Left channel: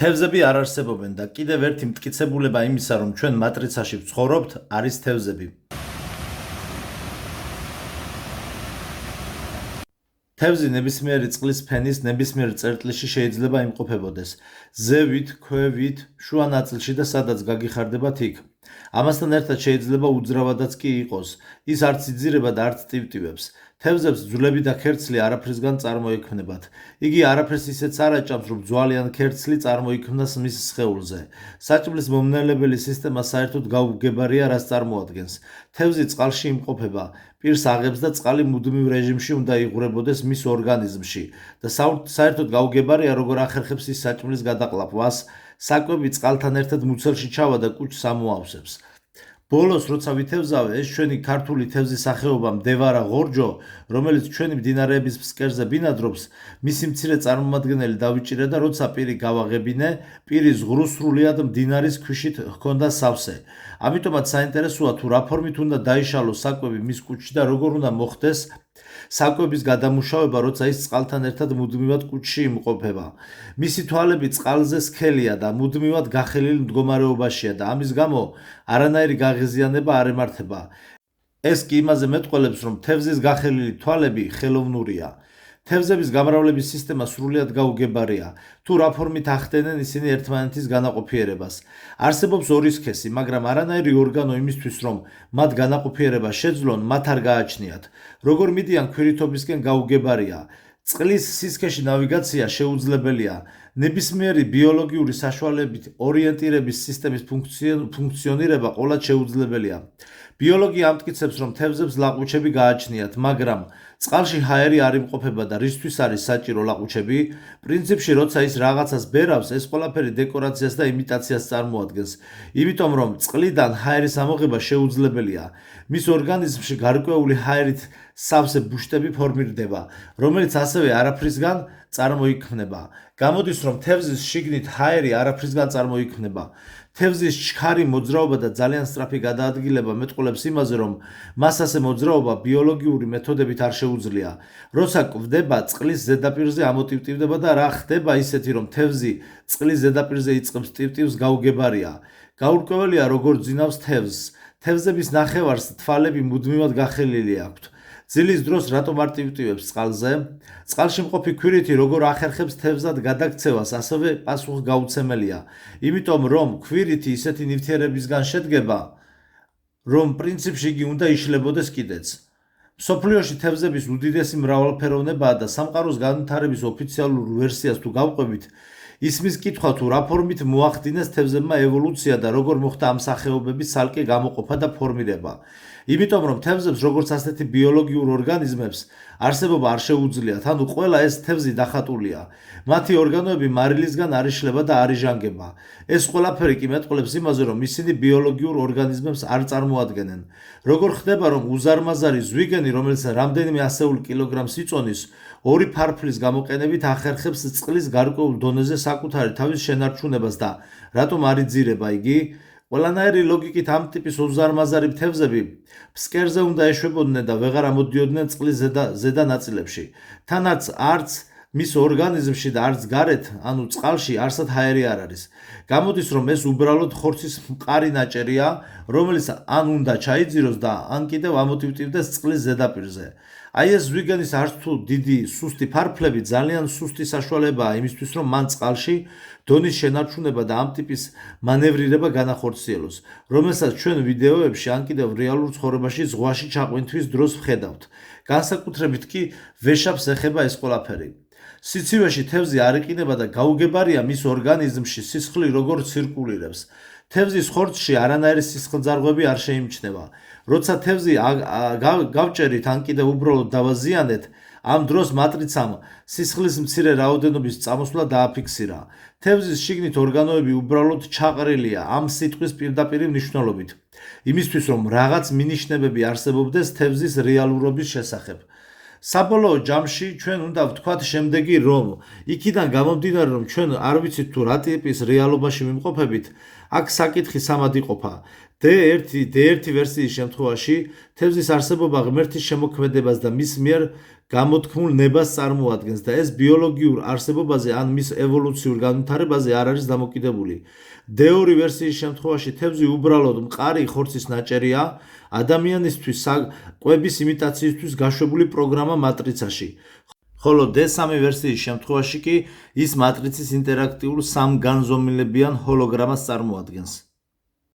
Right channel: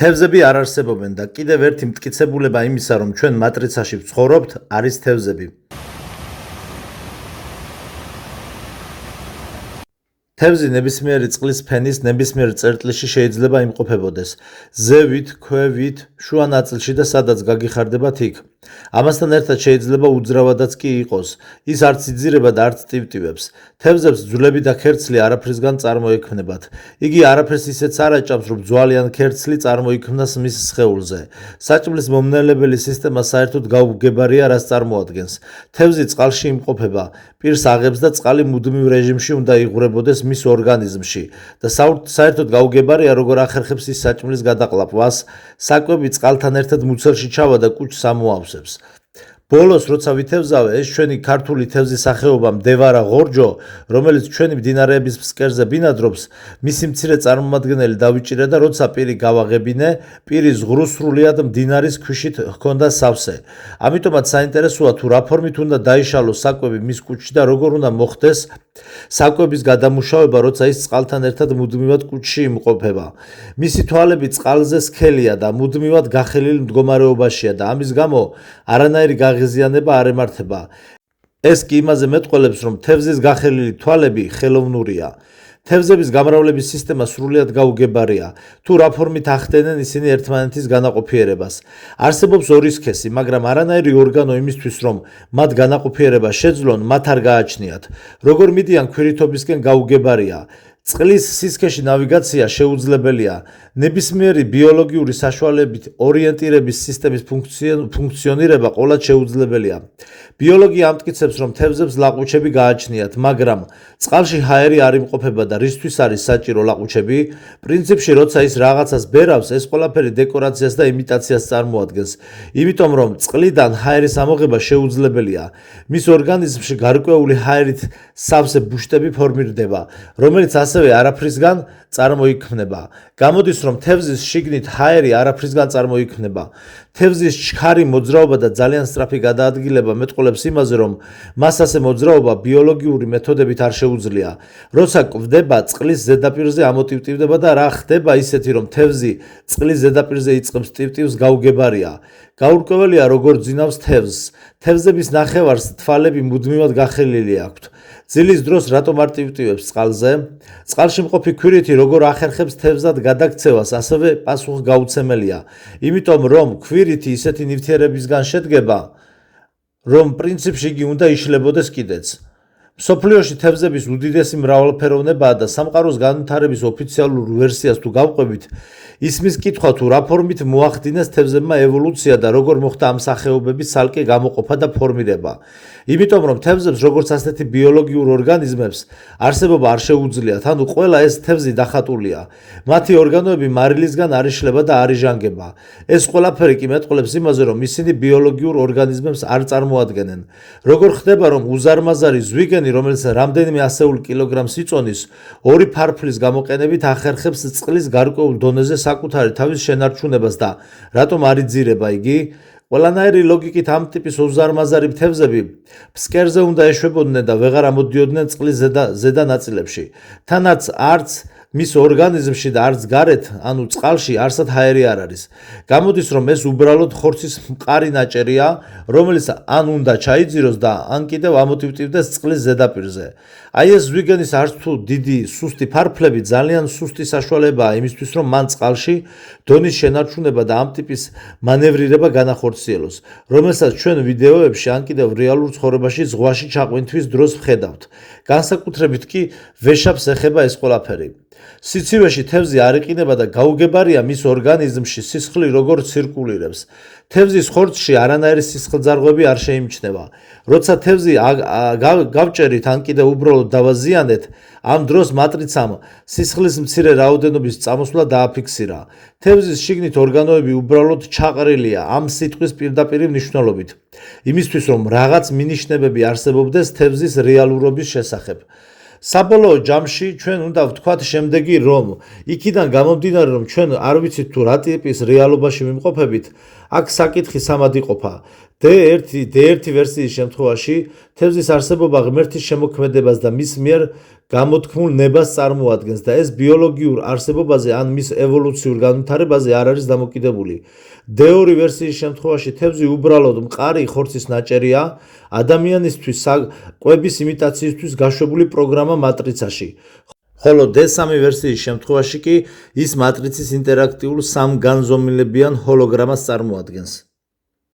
თევზები არ არსებობენ და კიდევ ერთი მტკიცებულება იმისა, რომ ჩვენ მატრიცაში ვცხოვრობთ, არის თევზები. თევზი ნებისმიერი წყლის ფენის ნებისმიერ წერტილში შეიძლება იმყოფებოდეს. ზევით, ქვევით, შუა ნაწილში და სადაც გაგიხარდებათ იქ. ამასთან ერთად შეიძლება უძრავადაც კი იყოს. ის არც იძირება და არც ტივტივებს. თევზებს ძვლები და ქერცლი არაფრისგან წარმოექმნებათ. იგი არაფერს ისეც არ აჭამს, რომ ძვალი ან ქერცლი წარმოიქმნას მის სხეულზე. საჭმლის მომნელებელი სისტემა საერთოდ გაუგებარია, რას წარმოადგენს. თევზი წყალში იმყოფება. პირს აღებს და წყალი მუდმივ რეჟიმში უნდა იღვრებოდეს მის ორგანიზმში და საერთოდ გაუგებარია, როგორ ახერხებს ის საჭმლის გადაყლაპვას. საკვები წყალთან ერთად მუცელში ჩავა და კუჭს ამოავსებს. ბოლოს, როცა ვითევზავე, ეს ჩვენი ქართული თევზის სახეობა მდევარა ღორჯო, რომელიც ჩვენი მდინარეების ფსკერზე ბინადრობს, მისი მცირე წარმომადგენელი დავიჭირე და როცა პირი გავაღებინე, პირი ზღვრუსრულიად მდინარის ქვიშით ჰქონდა სავსე. ამიტომაც საინტერესოა თუ რა ფორმით უნდა დაიშალოს საკვები მის კუჭში და როგორ უნდა მოხდეს საკვების გადამუშავება, როცა ის წყალთან ერთად მუდმივად კუჭში იმყოფება. მისი თვალები წყალზე სქელია და მუდმივად გახელილ მდგომარეობაშია და ამის გამო არანაირი გაღიზიანება არ ემართება. ეს კი იმაზე მეტყველებს, რომ თევზის გახელილი თვალები ხელოვნურია. თევზების გამრავლების სისტემა სრულიად გაუგებარია. თუ რა ფორმით ახდენენ ისინი ერთმანეთის განაყოფიერებას. არსებობს ორი სქესი, მაგრამ არანაირი ორგანო იმისთვის, რომ მათ განაყოფიერება შეძლონ, მათ არ გააჩნიათ. როგორ მიდიან ქვირითობისკენ გაუგებარია. წყლის სისქეში ნავიგაცია შეუძლებელია. ნებისმიერი ბიოლოგიური საშუალებით ორიენტირების სისტემის ფუნქციონირება ყოვლად შეუძლებელია. ბიოლოგია ამტკიცებს, რომ თევზებს ლაყუჩები გააჩნიათ, მაგრამ წყალში ჰაერი არ იმყოფება და რისთვის არის საჭირო ლაყუჩები? პრინციპში, როცა ის რაღაცას ბერავს, ეს ყველაფერი დეკორაციას და იმიტაციას წარმოადგენს. იმიტომ, რომ წყლიდან ჰაერის ამოღება შეუძლებელია. მის ორგანიზმში გარკვეული ჰაერით სავსე ბუშტები ფორმირდება, რომელიც ასევე არაფრისგან წარმოიქმნება. გამოდის, რომ თევზის შიგნით ჰაერი არაფრისგან წარმოიქმნება. თევზის ჩქარი მოძრაობა და ძალიან სწრაფი გადაადგილება მეტყველებს იმაზე, რომ მას ასე მოძრაობა ბიოლოგიური მეთოდებით არ შეუძლია. როცა კვდება, წყლის ზედაპირზე ამოტივტივდება და რა ხდება ისეთი, რომ თევზი წყლის ზედაპირზე იწყებს ტივტივს, გაუგებარია. გაურკვეველია, როგორ ძინავს თევზს. თევზების ნახევარს თვალები მუდმივად გახელილი აქვთ. ძილის დროს რატომ არ ტივტივებს წყალზე? წყალში მყოფი ქვირითი როგორ ახერხებს თევზად გადაქცევას, ასევე პასუხგაუცემელია. იმიტომ, რომ ქვირითი ისეთი ნივთიერებისგან შედგება, რომ პრინციპში იგი უნდა იშლებოდეს კიდეც. მსოფლიოში თევზების უდიდესი მრავალფეროვნებაა და სამყაროს განვითარების ოფიციალურ ვერსიას თუ გავყვებით, ისმის კითხვა თუ რა ფორმით მოახდინეს თევზებმა ევოლუცია და როგორ მოხდა ამ სახეობების ცალკე გამოყოფა და ფორმირება. იმიტომ, რომ თევზებს როგორც ასეთი ბიოლოგიურ ორგანიზმებს არსებობა არ შეუძლიათ, ანუ ყველა ეს თევზი დახატულია. მათი ორგანოები მარილისგან არ იშლება და არ იჟანგება. ეს ყველაფერი კი მეტყველებს იმაზე, რომ ისინი ბიოლოგიურ ორგანიზმებს არ წარმოადგენენ. როგორ ხდება, რომ უზარმაზარი ზვიგენი, რომელიც რამდენიმე ასეული კილოგრამს იწონის, ორი ფარფლის გამოყენებით ახერხებს წყლის გარკვეულ დონეზე საკუთარი თავის შენარჩუნებას და რატომ არ იძირება იგი? ყველანაირი ლოგიკით ამ ტიპის უზარმაზარი თევზები ფსკერზე უნდა ეშვებოდნენ და ვეღარ ამოდიოდნენ წყლის ზედა ნაწილებში. თანაც არც მის ორგანიზმში და არც გარეთ, ანუ წყალში არსად ჰაერი არ არის. გამოდის, რომ ეს უბრალოდ ხორცის მყარი ნაჭერია, რომელიც ან უნდა ჩაიძიროს და ან კიდევ ამოტივტივდეს წყლის ზედაპირზე. აი ეს ზვიგენის არც თუ დიდი სუსტი ფარფლები ძალიან სუსტი საშუალებაა იმისთვის, რომ მან წყალში დონის შენარჩუნება და ამ ტიპის მანევრირება განახორციელოს, რომელსაც ჩვენ ვიდეოებში ან კიდევ რეალურ ცხოვრებაში ზღვაში ჩაყვინთვის დროს ვხედავთ. განსაკუთრებით კი ვეშაპს ეხება ეს ყველაფერი. სიცივეში თევზი არ იყინება და გაუგებარია მის ორგანიზმში სისხლი როგორ ცირკულირებს. თევზის ხორცში არანაირი სისხლძარღვები არ შეიმჩნევა. როცა თევზი გავჭერით ან კიდევ უბრალოდ დავაზიანეთ, ამ დროს მატრიცამ სისხლის მცირე რაოდენობის წამოსვლა დააფიქსირა. თევზის შიგნით ორგანოები უბრალოდ ჩაყრილია ამ სიტყვის პირდაპირი მნიშვნელობით. იმისთვის, რომ რაღაც მინიშნებები არსებობდეს თევზის რეალურობის შესახებ. საბოლოო ჯამში ჩვენ უნდა ვთქვათ შემდეგი, რომ იქიდან გამომდინარე, რომ ჩვენ არ ვიცით თუ რა ტიპის რეალობაში ვიმყოფებით, აქ საკითხი სამად იყოფა. D1 ვერსიის შემთხვევაში თევზის არსებობა ღმერთის შემოქმედებას და მის მიერ გამოთქმულ ნებას წარმოადგენს და ეს ბიოლოგიურ არსებობაზე ან მის ევოლუციურ განვითარებაზე არ არის დამოკიდებული. D2 ვერსიის შემთხვევაში თევზი უბრალოდ მყარი ხორცის ნაჭერია ადამიანისთვის კვების იმიტაციისთვის გაშვებული პროგრამა მატრიცაში. ხოლო D3 ვერსიის შემთხვევაში კი ის მატრიცის ინტერაქტიულ სამგანზომილებიან ჰოლოგრამას წარმოადგენს.